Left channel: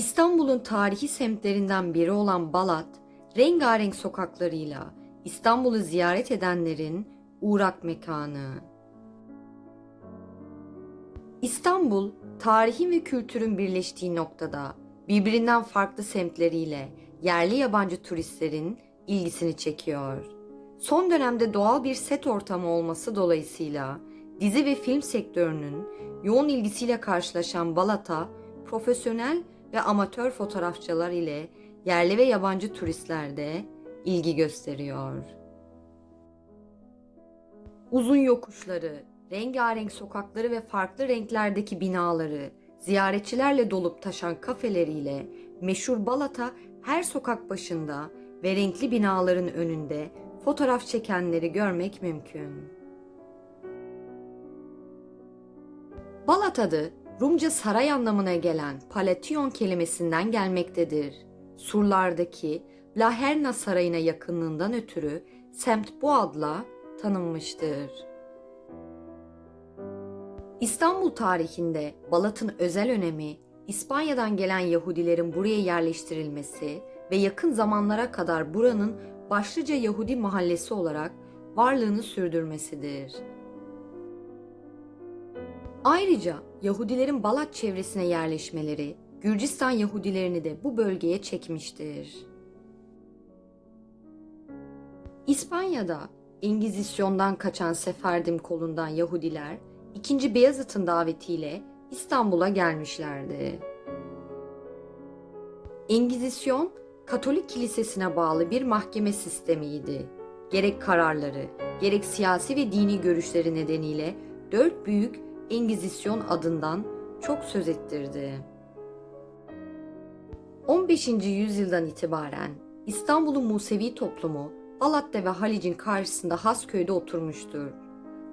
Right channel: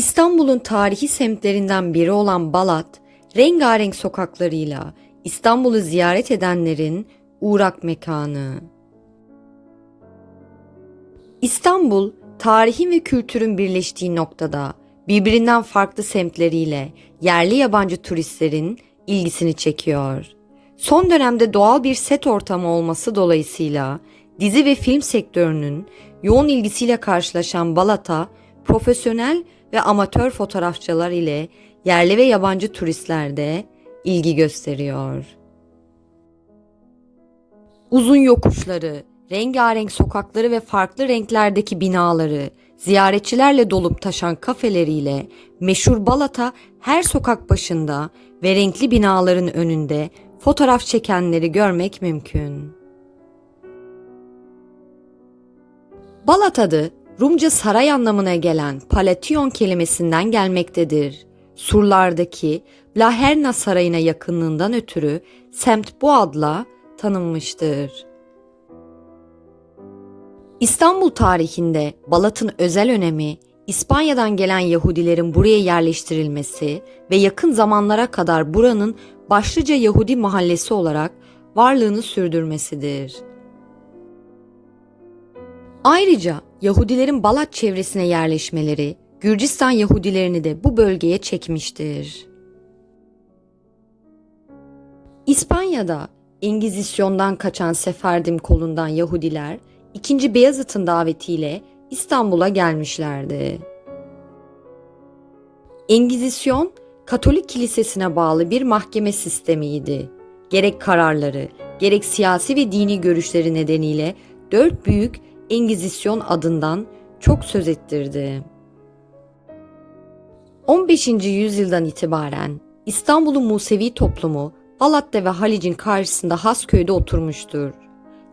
İstanbul'un tarihi semtlerinden biri olan Balat, rengarenk sokaklarıyla İstanbul'u ziyaret edenlerin uğrak mekanı. İstanbul, tarihin ve kültürün birleştiği noktada birbirinden farklı semtleriyle yerli yabancı turistlerin ilgisini çekiyor. Son dönemde doğal bir set ortamı olması dolayısıyla dizi ve film sektörünün yoğun ilgisiyle karşılaşan Balat'a profesyonel ve amatör fotoğrafçılar ile yerli ve yabancı turistler de ilgi gösteriyor. Uzun yokuşları, rengarenk sokakları ve farklı renklerdeki binaları, ziyaretçilerle dolup taşan kafeleriyle meşhur Balat'a her sokak başında ve renkli binaların önünde fotoğraf çekenleri görmek mümkün. Balat adı Rumca saray anlamına gelen Palation kelimesinden gelmektedir. Surlardaki Blaherna Sarayı'na yakınlığından ötürü semt bu adla tanınmıştır. İstanbul tarihinde Balat'ın özel önemi, İspanya'dan gelen Yahudilerin buraya yerleştirilmesi ve yakın zamanlara kadar buranın başlıca Yahudi mahallesi olarak varlığını sürdürmesidir. Ayrıca Yahudilerin Balat çevresine yerleşmeleri Gürcistan Yahudilerini de bu bölgeye çekmiştir. İspanya'da Engizisyon'dan kaçan Seferdim kolundan Yahudiler 2. Beyazıt'ın davetiyle İstanbul'a gelmişlerdi. Engizisyon, Katolik kilisesine bağlı bir mahkeme sistemiydi. Gerek kararları, gerek siyasi ve dini görüşleri nedeniyle dört büyük Engizisyon adından çok söz ettirdi. 15. yüzyıldan itibaren İstanbul'un Musevi toplumu Balat'ta ve Halic'in karşısında Hasköy'de oturmuştur.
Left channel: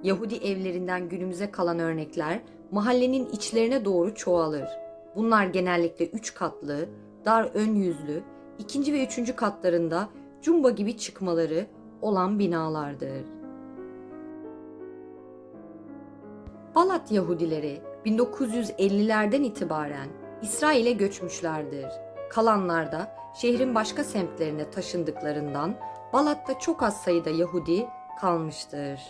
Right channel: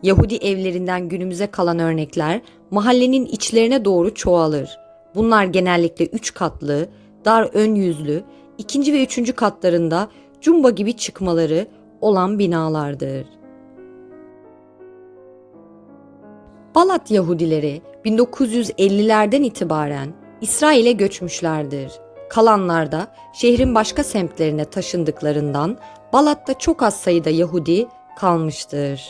Yahudi evlerinden günümüze kalan örnekler mahallenin içlerine doğru çoğalır. Bunlar genellikle üç katlı, dar ön yüzlü, ikinci ve üçüncü katlarında cumba gibi çıkmaları olan binalardır. Balat Yahudileri 1950'lerden itibaren İsrail'e göçmüşlerdir. Kalanlar da şehrin başka semtlerine taşındıklarından Balat'ta çok az sayıda Yahudi kalmıştır.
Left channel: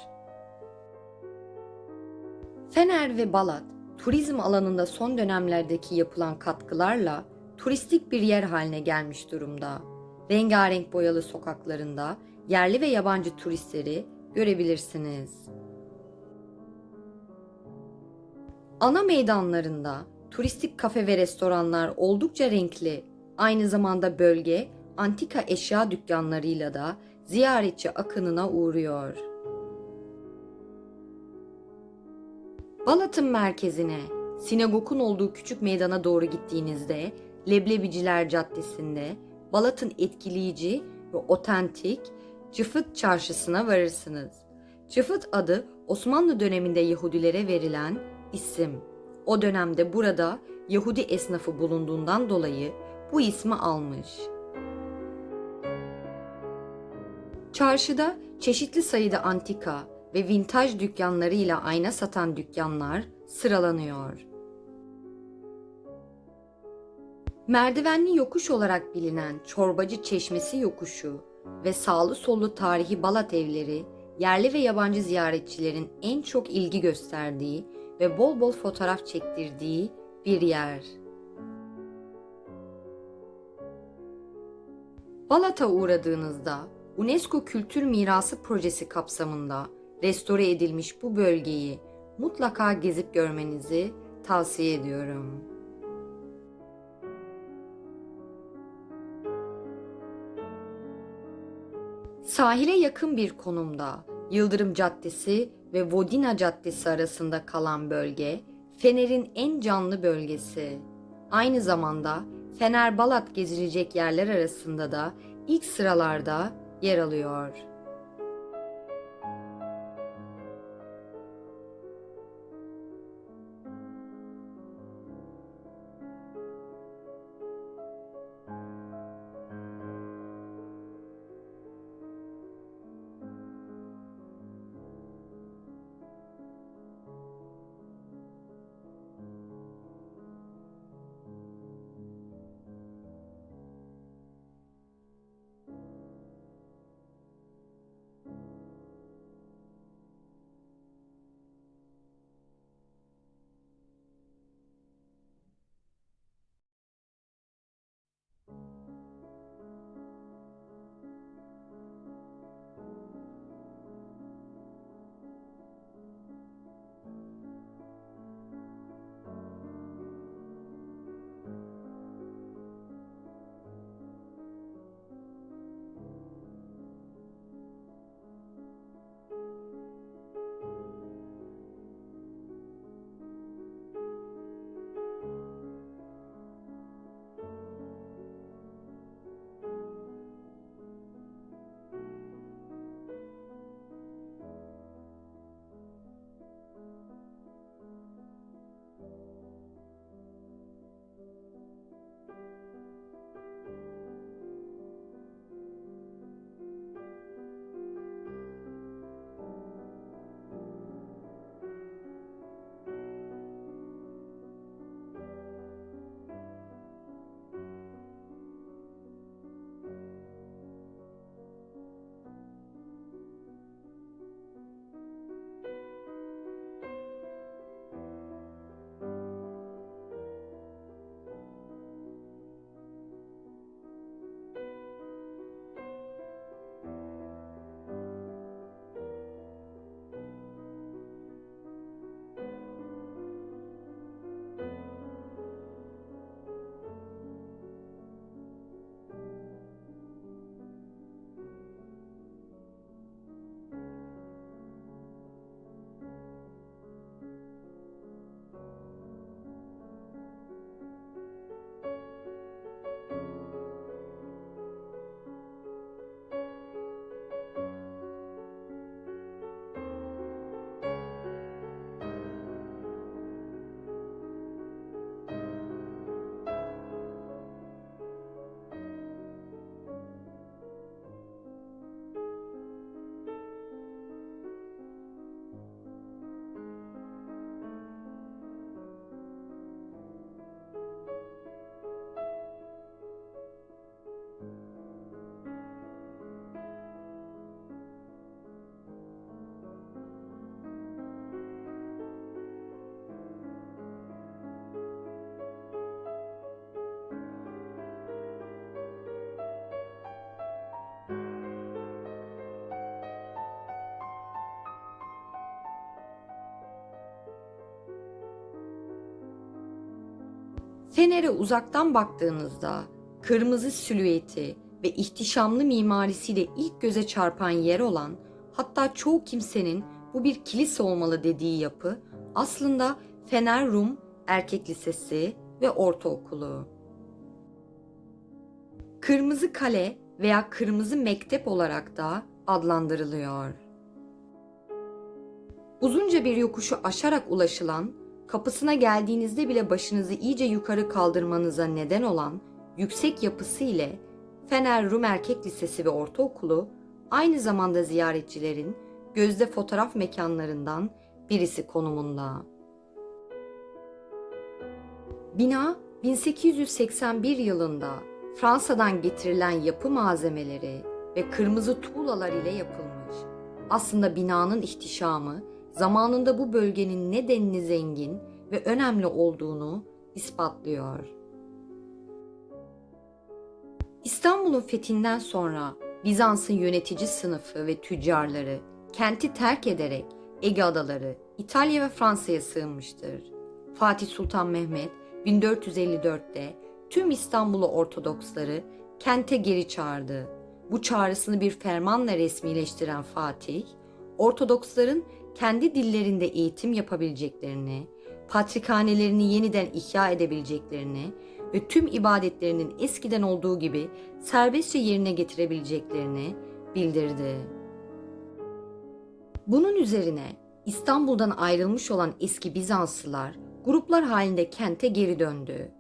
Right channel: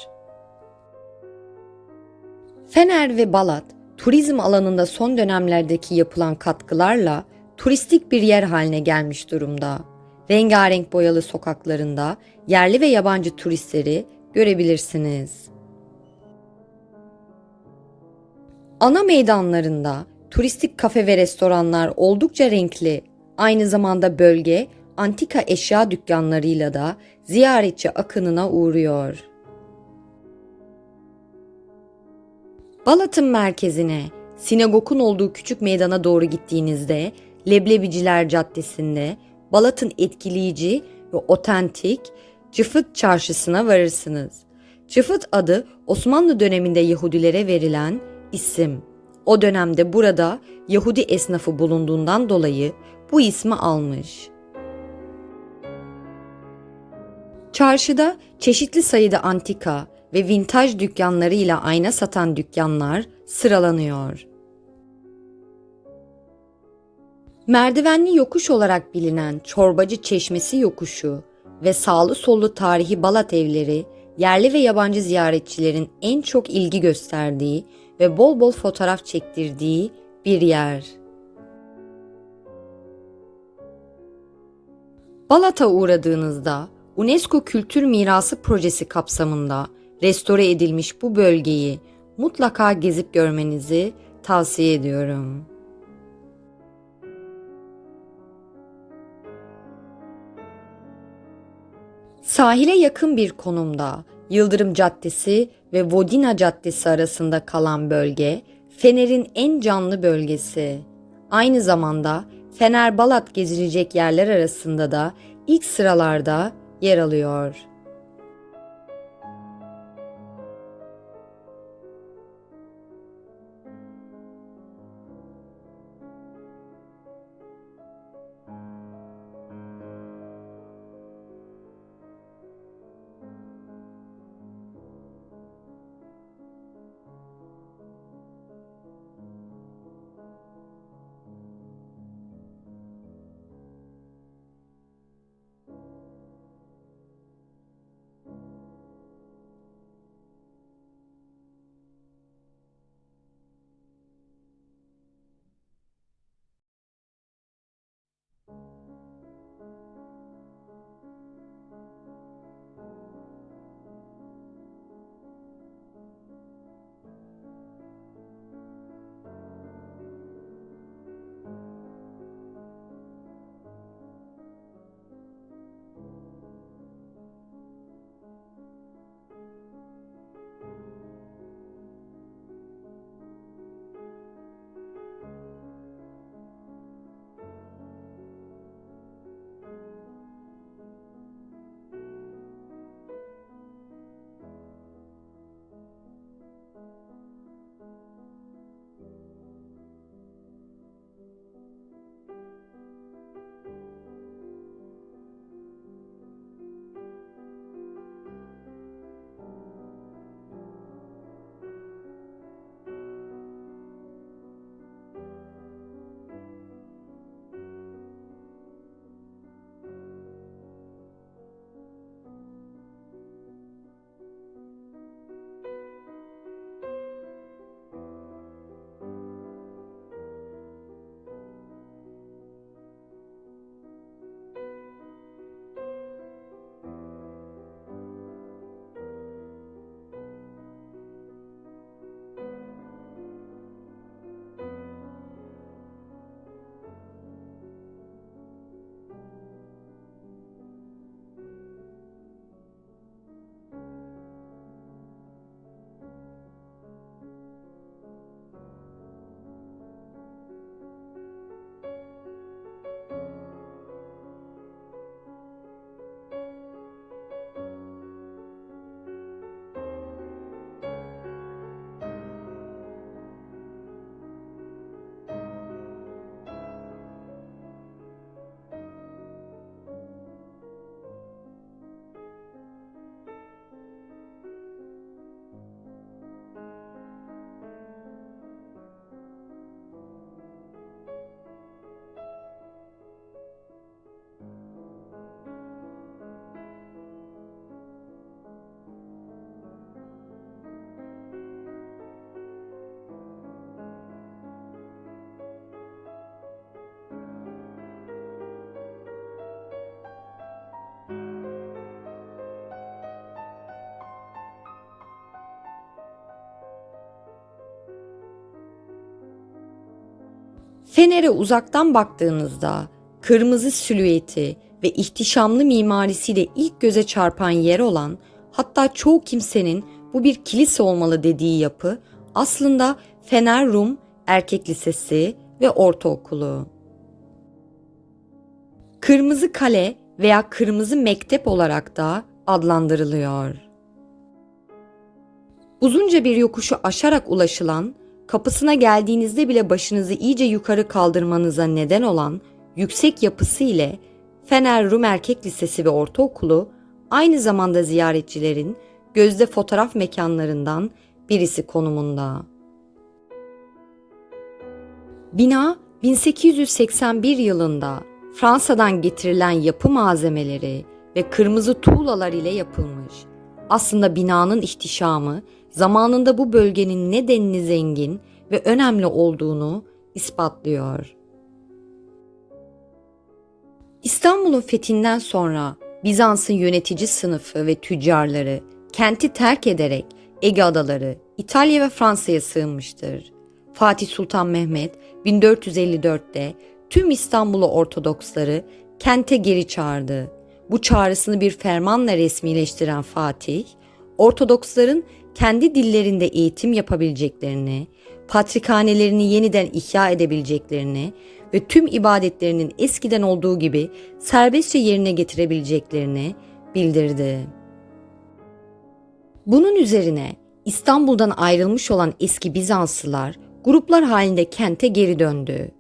Fener ve Balat, turizm alanında son dönemlerdeki yapılan katkılarla turistik bir yer haline gelmiş durumda. Rengarenk boyalı sokaklarında yerli ve yabancı turistleri görebilirsiniz. Ana meydanlarında turistik kafe ve restoranlar oldukça renkli. Aynı zamanda bölge antika eşya dükkanlarıyla da ziyaretçi akınına uğruyor. Balat'ın merkezine, sinagogun olduğu küçük meydana doğru gittiğinizde Leblebiciler Caddesi'nde Balat'ın etkileyici ve otentik Çıfıt Çarşısı'na varırsınız. Çıfıt adı Osmanlı döneminde Yahudilere verilen isim. O dönemde burada Yahudi esnafı bulunduğundan dolayı bu ismi almış. Çarşıda çeşitli sayıda antika ve vintaj dükkanlarıyla ayna satan dükkanlar sıralanıyor. Merdivenli yokuş olarak bilinen Çorbacı Çeşmesi yokuşu ve sağlı sollu tarihi Balat evleri yerli ve yabancı ziyaretçilerin en çok ilgi gösterdiği ve bol bol fotoğraf çektirdiği bir yer. Balat'a uğradığınızda UNESCO Kültür Mirası Projesi kapsamında restore edilmiş bu bölgeyi mutlaka gezip görmenizi tavsiye ediyorum. Sahile yakın bir konumda Yıldırım Caddesi ve Vodina Caddesi arasında kalan bölge Fener'in en canlı bölgesi. Aynı zamanda Fener Balat gezilecek yerler arasında da ilk sıralarda yer alıyor. Fener'e uzaktan baktığınızda kırmızı silüeti ve ihtişamlı mimarisiyle ilk göze çarpan yer olan hatta çoğu kimsenin bu bir kilise olmalı dediği yapı aslında Fener Rum Erkek Lisesi ve Ortaokulu. Kırmızı Kale veya Kırmızı Mektep olarak da adlandırılıyor. Uzunca bir yokuşu aşarak ulaşılan, kapısına geldiğinizde bile başınızı iyice yukarı kaldırmanıza neden olan yüksek yapısı ile Fener Rum Erkek Lisesi ve Ortaokulu aynı zamanda ziyaretçilerin gözde fotoğraf mekanlarından birisi konumunda. Bina 1881 yılında Fransa'dan getirilen yapı malzemeleri ve kırmızı tuğlalar ile yapılmış. Aslında binanın ihtişamı zamanında bu bölgenin ne denli zengin ve önemli olduğunu ispatlıyor. İstanbul'un fethinden sonra Bizans'ın yönetici sınıfı ve tüccarları kenti terk ederek Ege adaları, İtalya ve Fransa'ya sığınmıştır. Fatih Sultan Mehmet 1454'te tüm İstanbul'u Ortodoksları kente geri çağırdı. Bu çağrısını bir fermanla resmileştiren Fatih, Ortodoksların kendi dillerinde eğitim yapabileceklerini, patrikhanelerini yeniden ihya edebileceklerini ve tüm ibadetlerinin eskiden olduğu gibi serbestçe yerine getirebileceklerini bildirdi. Bunun üzerine İstanbul'dan ayrılmış olan eski Bizanslılar gruplar halinde kente geri döndü.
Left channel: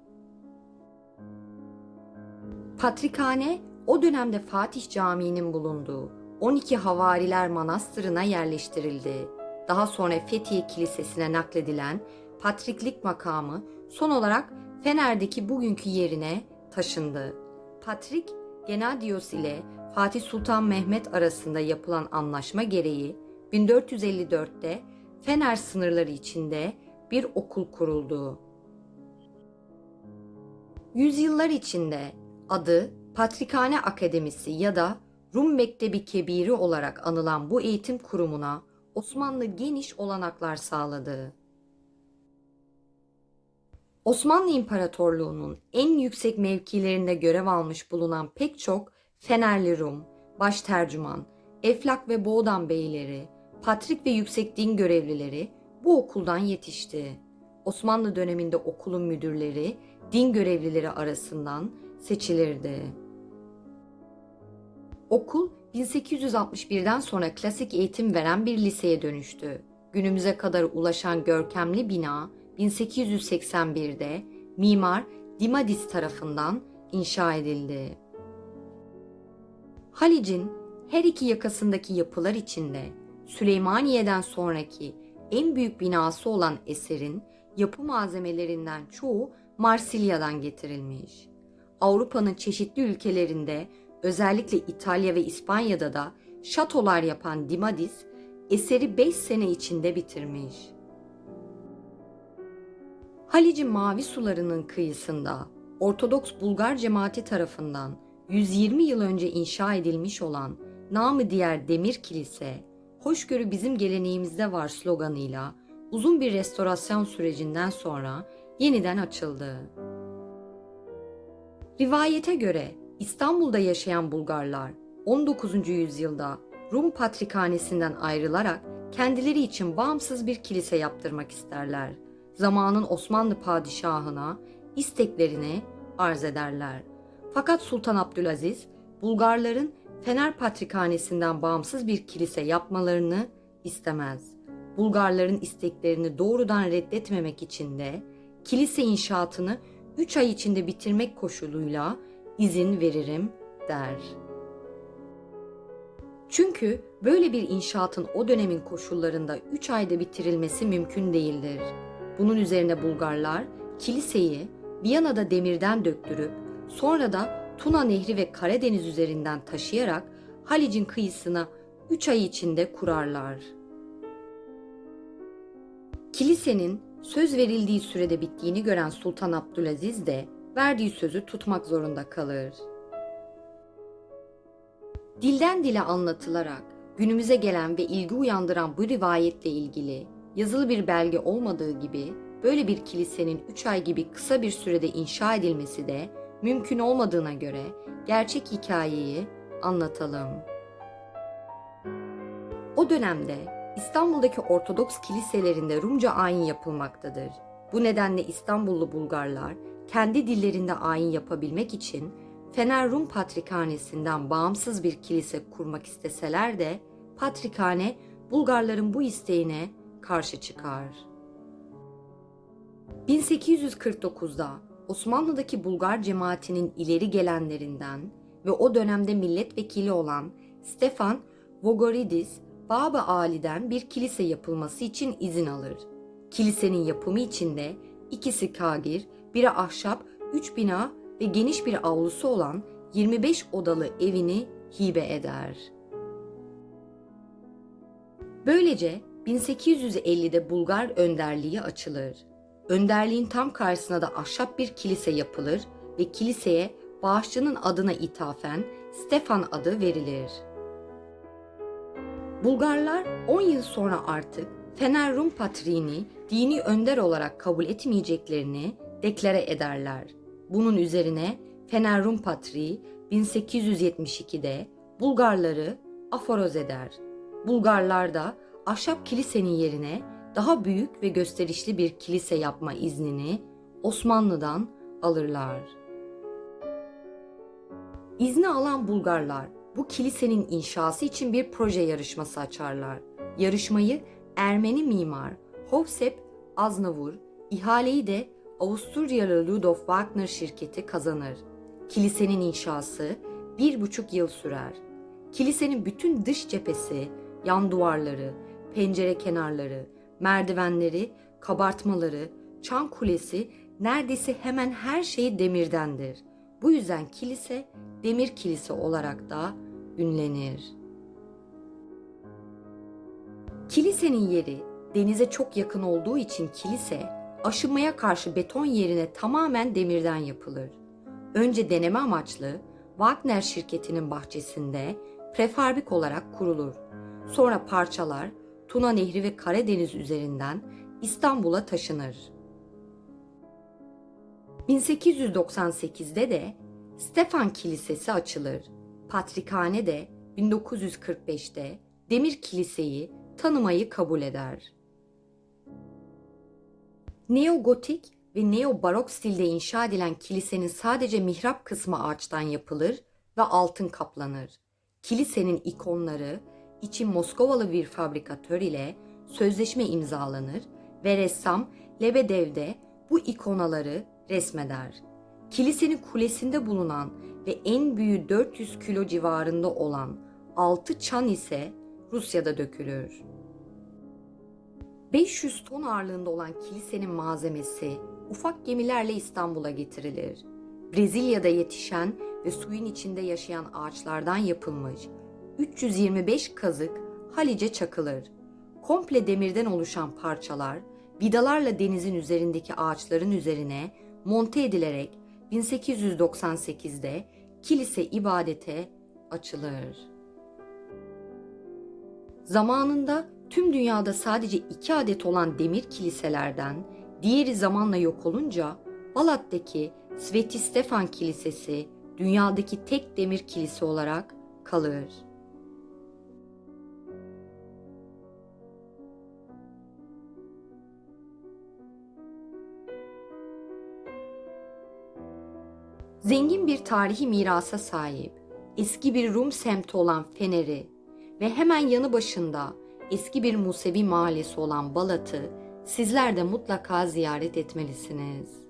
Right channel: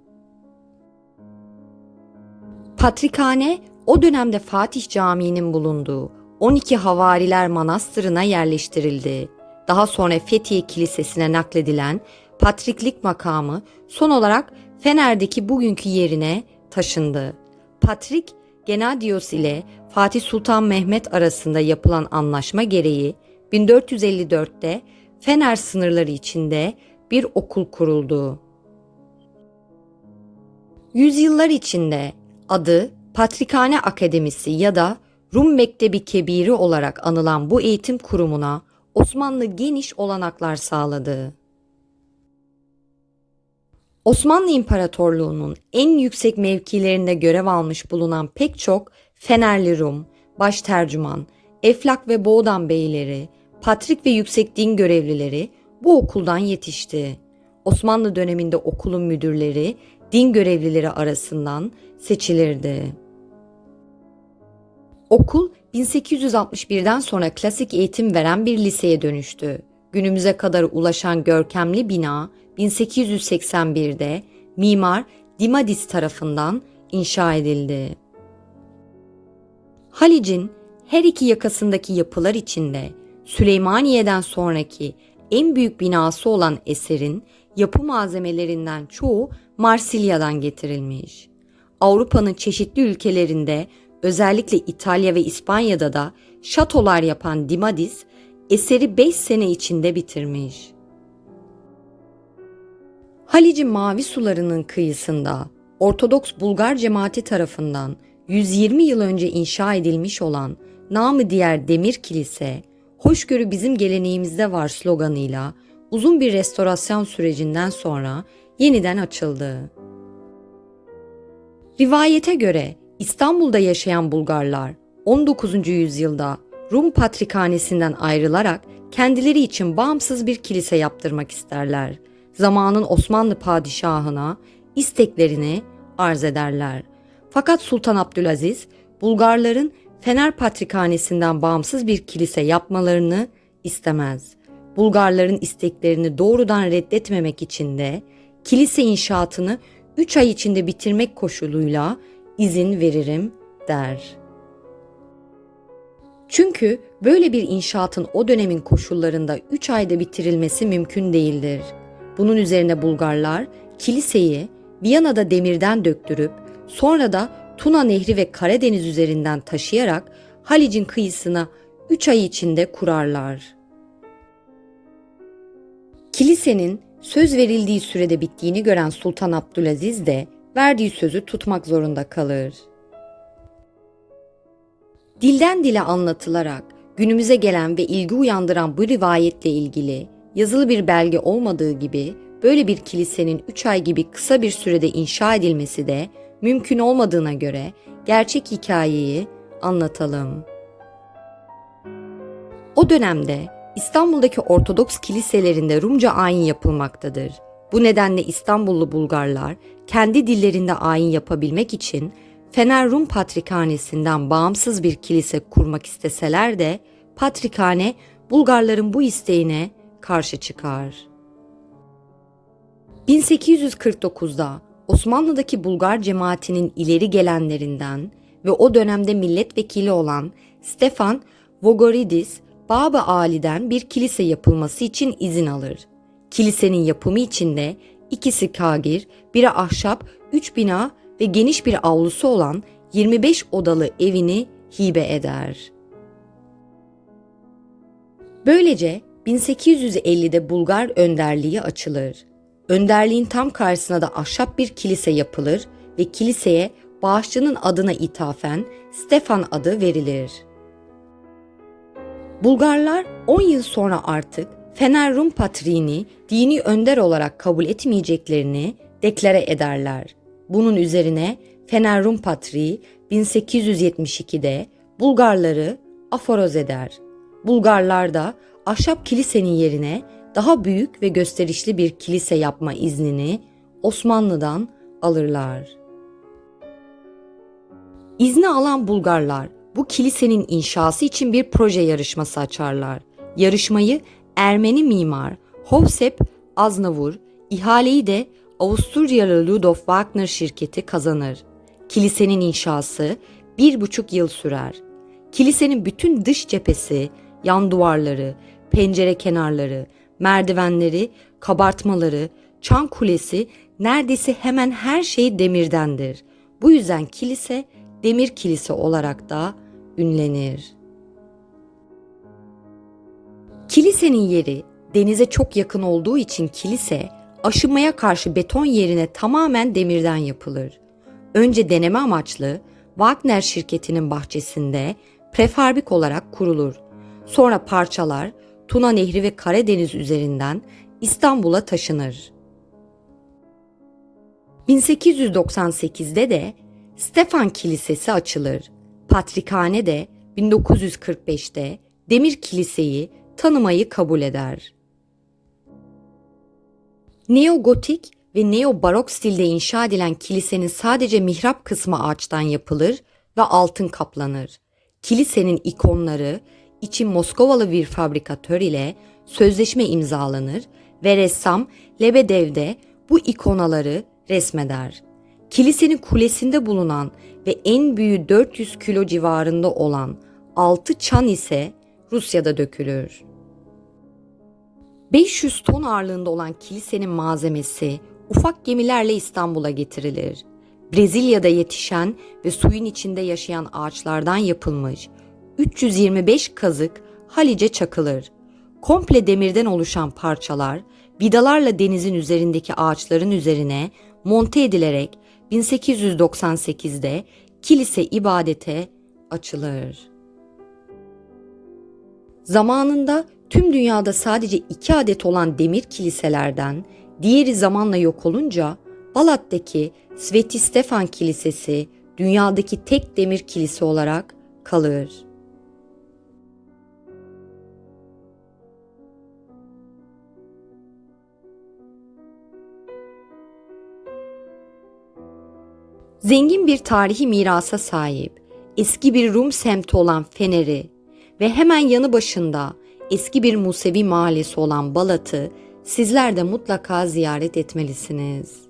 Patrikhane o dönemde Fatih Camii'nin bulunduğu 12 Havariler Manastırı'na yerleştirildi. Daha sonra Fethiye Kilisesi'ne nakledilen patriklik makamı son olarak Fener'deki bugünkü yerine taşındı. Patrik, Genadios ile Fatih Sultan Mehmet arasında yapılan anlaşma gereği 1454'te Fener sınırları içinde bir okul kuruldu. Yüzyıllar içinde adı Patrikhane Akademisi ya da Rum Mektebi Kebiri olarak anılan bu eğitim kurumuna Osmanlı geniş olanaklar sağladı. Osmanlı İmparatorluğu'nun en yüksek mevkilerinde görev almış bulunan pek çok Fenerli Rum, baş tercüman, Eflak ve Boğdan beyleri, patrik ve yüksek din görevlileri bu okuldan yetişti. Osmanlı döneminde okulun müdürleri din görevlileri arasından seçilirdi. Okul 1861'den sonra klasik eğitim veren bir liseye dönüştü. Günümüze kadar ulaşan görkemli bina 1881'de mimar Dimadis tarafından inşa edildi. Halic'in her iki yakasındaki yapılar içinde Süleymaniye'den sonraki en büyük binası olan eserin yapı malzemelerinden çoğu Marsilya'dan getirilmiş. Avrupa'nın çeşitli ülkelerinde özellikle İtalya ve İspanya'da da şatolar yapan Dimadis eseri 5 sene içinde bitirmiş. Halic'in mavi sularının kıyısında Ortodoks Bulgar cemaati tarafından 120 yıl önce inşa edilmiş olan namı diğer Demir Kilise, hoşgörü bizim geleneğimizde var sloganıyla uzun bir restorasyon sürecinden sonra yeniden açıldı. Rivayete göre İstanbul'da yaşayan Bulgarlar 19. yüzyılda Rum Patrikhanesi'nden ayrılarak kendileri için bağımsız bir kilise yaptırmak isterler. Zamanın Osmanlı padişahına isteklerini arz ederler. Fakat Sultan Abdülaziz Bulgarların Fener Patrikhanesi'nden bağımsız bir kilise yapmalarını istemez. Bulgarların isteklerini doğrudan reddetmemek için de kilise inşaatını 3 ay içinde bitirmek koşuluyla izin veririm der. Çünkü böyle bir inşaatın o dönemin koşullarında 3 ayda bitirilmesi mümkün değildir. Bunun üzerine Bulgarlar kiliseyi Viyana'da demirden döktürüp sonra da Tuna Nehri ve Karadeniz üzerinden taşıyarak Halic'in kıyısına 3 ay içinde kurarlar. Kilisenin söz verildiği sürede bittiğini gören Sultan Abdülaziz de verdiği sözü tutmak zorunda kalır. Dilden dile anlatılarak günümüze gelen ve ilgi uyandıran bu rivayetle ilgili yazılı bir belge olmadığı gibi böyle bir kilisenin 3 ay gibi kısa bir sürede inşa edilmesi de mümkün olmadığına göre gerçek hikayeyi anlatalım. O dönemde İstanbul'daki Ortodoks kiliselerinde Rumca ayin yapılmaktadır. Bu nedenle İstanbullu Bulgarlar kendi dillerinde ayin yapabilmek için Fener Rum Patrikhanesi'nden bağımsız bir kilise kurmak isteseler de Patrikhane Bulgarların bu isteğine karşı çıkar. 1849'da Osmanlı'daki Bulgar cemaatinin ileri gelenlerinden ve o dönemde milletvekili olan Stefan Vogoridis, Baba Ali'den bir kilise yapılması için izin alır. Kilisenin yapımı için de ikisi kagir, biri ahşap, üç bina ve geniş bir avlusu olan 25 odalı evini hibe eder. Böylece 1850'de Bulgar önderliği açılır. Önderliğin tam karşısına da ahşap bir kilise yapılır ve kiliseye bağışçının adına ithafen Stefan adı verilir. Bulgarlar 10 yıl sonra artık Fener Rum Patriğini dini önder olarak kabul etmeyeceklerini deklare ederler. Bunun üzerine Fener Rum Patriği 1872'de Bulgarları aforoz eder. Bulgarlar da ahşap kilisenin yerine daha büyük ve gösterişli bir kilise yapma iznini Osmanlı'dan alırlar. İzni alan Bulgarlar bu kilisenin inşası için bir proje yarışması açarlar. Yarışmayı Ermeni mimar Hovsep Aznavur, ihaleyi de Avusturyalı Ludolf Wagner şirketi kazanır. Kilisenin inşası bir buçuk yıl sürer. Kilisenin bütün dış cephesi, yan duvarları, pencere kenarları, merdivenleri, kabartmaları, çan kulesi neredeyse hemen her şeyi demirdendir. Bu yüzden kilise demir kilise olarak da ünlenir. Kilisenin yeri denize çok yakın olduğu için kilise aşınmaya karşı beton yerine tamamen demirden yapılır. Önce deneme amaçlı Wagner şirketinin bahçesinde prefabrik olarak kurulur. Sonra parçalar Tuna Nehri ve Karadeniz üzerinden İstanbul'a taşınır. 1898'de de Stefan Kilisesi açılır. Patrikhane de 1945'te Demir Kiliseyi tanımayı kabul eder. Neogotik ve neo-barok stilde inşa edilen kilisenin sadece mihrap kısmı ağaçtan yapılır ve altın kaplanır. Kilisenin ikonları için Moskovalı bir fabrikatör ile sözleşme imzalanır ve ressam Lebedev'de bu ikonaları resmeder. Kilisenin kulesinde bulunan ve en büyüğü 400 kilo civarında olan 6 çan ise Rusya'da dökülür. 500 ton ağırlığında olan kilisenin malzemesi ufak gemilerle İstanbul'a getirilir. Brezilya'da yetişen ve suyun içinde yaşayan ağaçlardan yapılmış 325 kazık Halice çakılır. Komple demirden oluşan parçalar vidalarla denizin üzerindeki ağaçların üzerine monte edilerek 1898'de kilise ibadete açılır. Zamanında tüm dünyada sadece iki adet olan demir kiliselerden diğeri zamanla yok olunca Balat'taki Sveti Stefan Kilisesi dünyadaki tek demir kilise olarak kalır. Zengin bir tarihi mirasa sahip, eski bir Rum semti olan Fener'i ve hemen yanı başında eski bir Musevi mahallesi olan Balat'ı sizler de mutlaka ziyaret etmelisiniz.